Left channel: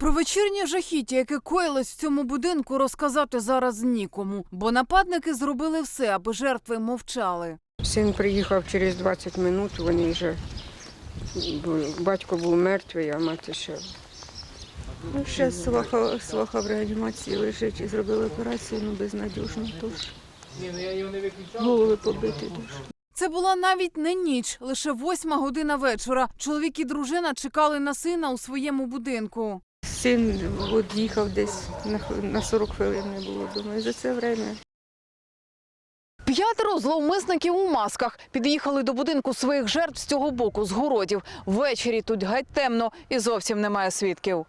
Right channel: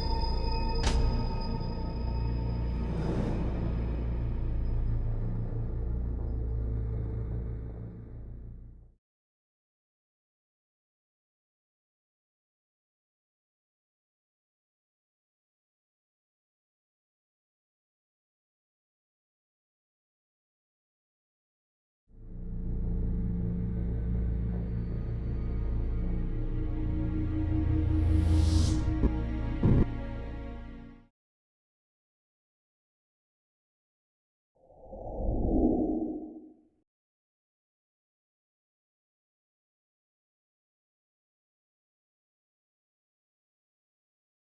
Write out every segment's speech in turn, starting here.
Про вечірнє жахіття, яке коїлось в цьому будинку, розказати зараз нікому, бо нападники зробили все, аби жертви мовчали. Син приїхав через 20 минут, вони вже батько був мертвий, а мати ще. Ну, ще сваха, сваха в реанімації лежить і зробили операцію, ну безнадіжно тож. Голови побиті дуже. Це була навіть не ніч, лише восьма година вечора. Чоловік і дружина чекали на сина у своєму будинку. Син от їхав десь на, х- на 40 хвилин не було вдома. І за це время П'ятеро зловмисників у масках під'їхали до будинку своїх жертв з цього боку, з городів. Ввечері тут геть темно і зовсім немає свідків.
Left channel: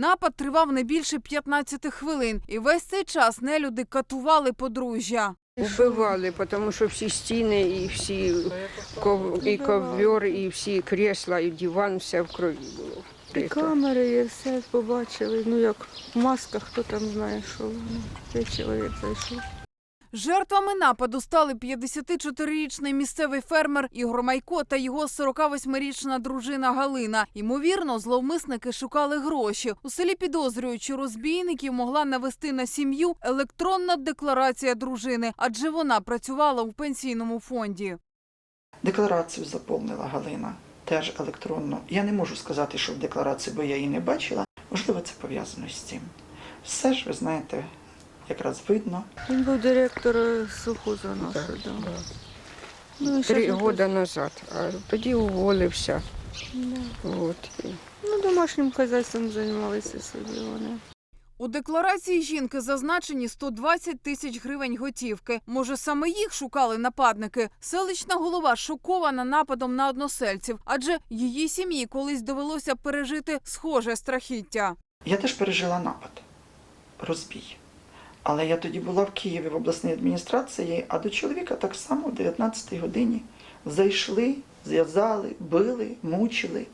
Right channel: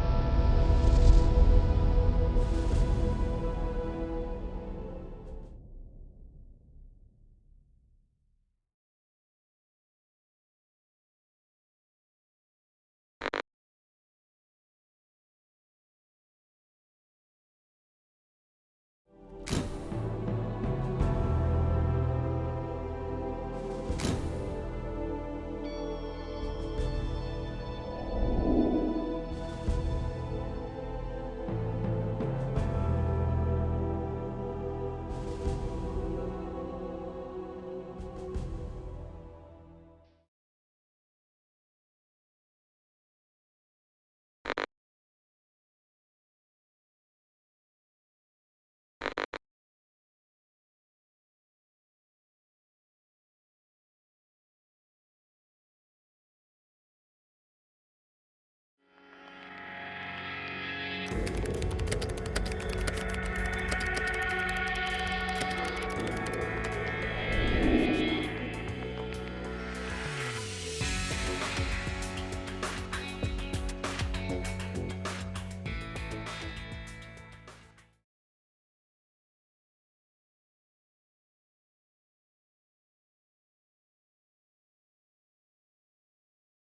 Напад тривав не більше 15 хвилин, і весь цей час нелюди катували подружжя. Вбивали, тому що всі стіни і всі ков... і ковер, і всі крісла, і диван, все в крові було. і камери, і все побачили. Ну як в масках, хто там знає, що воно. Цей чоловік зайшов. Жертвами нападу стали 54-річний місцевий фермер Ігор Майко та його 48-річна дружина Галина. Ймовірно, зловмисники шукали гроші. У селі підозрюють, що розбійників могла навести на сім'ю електронна декларація дружини, адже вона працювала у пенсійному фонді. Декларацію заповнила Галина, теж електронно. Я не можу сказати, що в декларації, бо я її не бачила. Можливо, це пов'язано з цим. Все ж, ви знаєте, якраз видно. Він був директор сухоза нашого. Да. Ну, і Три щас роки назад, а тоді уволився. Да. От. і Ну, домашнім хазяйством займалися собі вони. У декларації жінки зазначені 120 тисяч гривень готівки. Може, саме їх шукали нападники. Селищна голова шокована нападом на односельців, адже в її сім'ї колись довелося пережити схоже страхіття. Я теж пережила напад, розбій. Але я тоді була в Києві в обласній адміністрації, а до чоловіка так само в 19-й годині зайшли, зв'язали, били, мучили.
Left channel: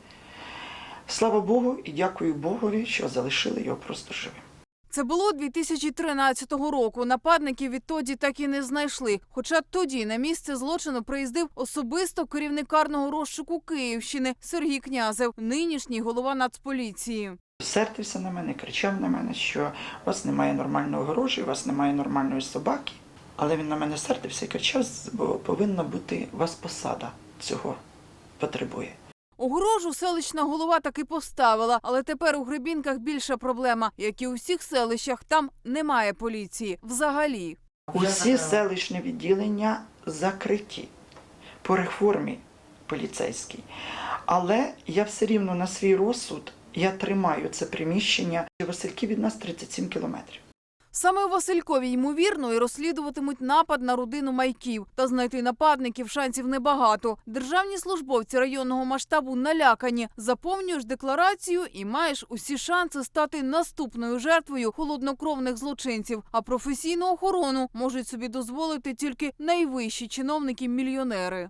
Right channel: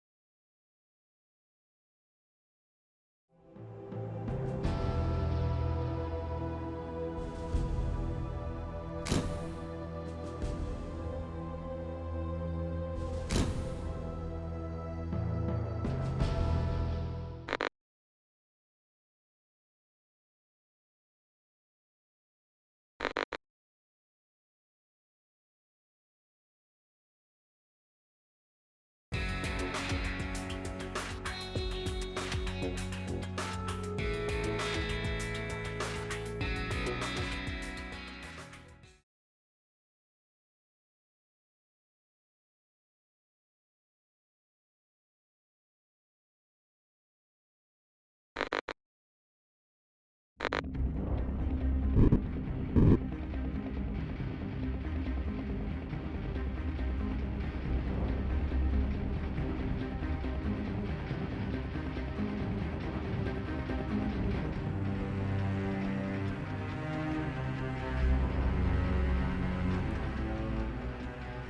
Слава Богу і дякую Богові, що залишили його просто живим. Це було 2013 року. Нападників відтоді так і не знайшли. Хоча тоді на місце злочину приїздив особисто керівник карного розшуку Київщини Сергій Князев, нинішній голова Нацполіції. Сердився на мене, кричав на мене, що у вас немає нормального гроші, у вас немає нормальної собаки. Але він на мене сердився і кричав, бо повинна бути у вас посада цього потребує. Огорожу селищна голова таки поставила, але тепер у Гребінках більша проблема. Як і у всіх селищах, там немає поліції. Взагалі. Усі селищні відділення закриті по реформі поліцейській. Але я все рівно на свій розсуд я тримаю це приміщення. Васильки від нас 37 кілометрів. Саме у Василькові ймовірно і розслідуватимуть напад на родину майків. Та знайти нападників шансів небагато. Державні службовці районного масштабу налякані. Заповнюєш декларацію і маєш усі шанси стати наступною жертвою холоднокровних злочинців. А професійну охорону можуть собі дозволити тільки найвищі чиновники-мільйонери.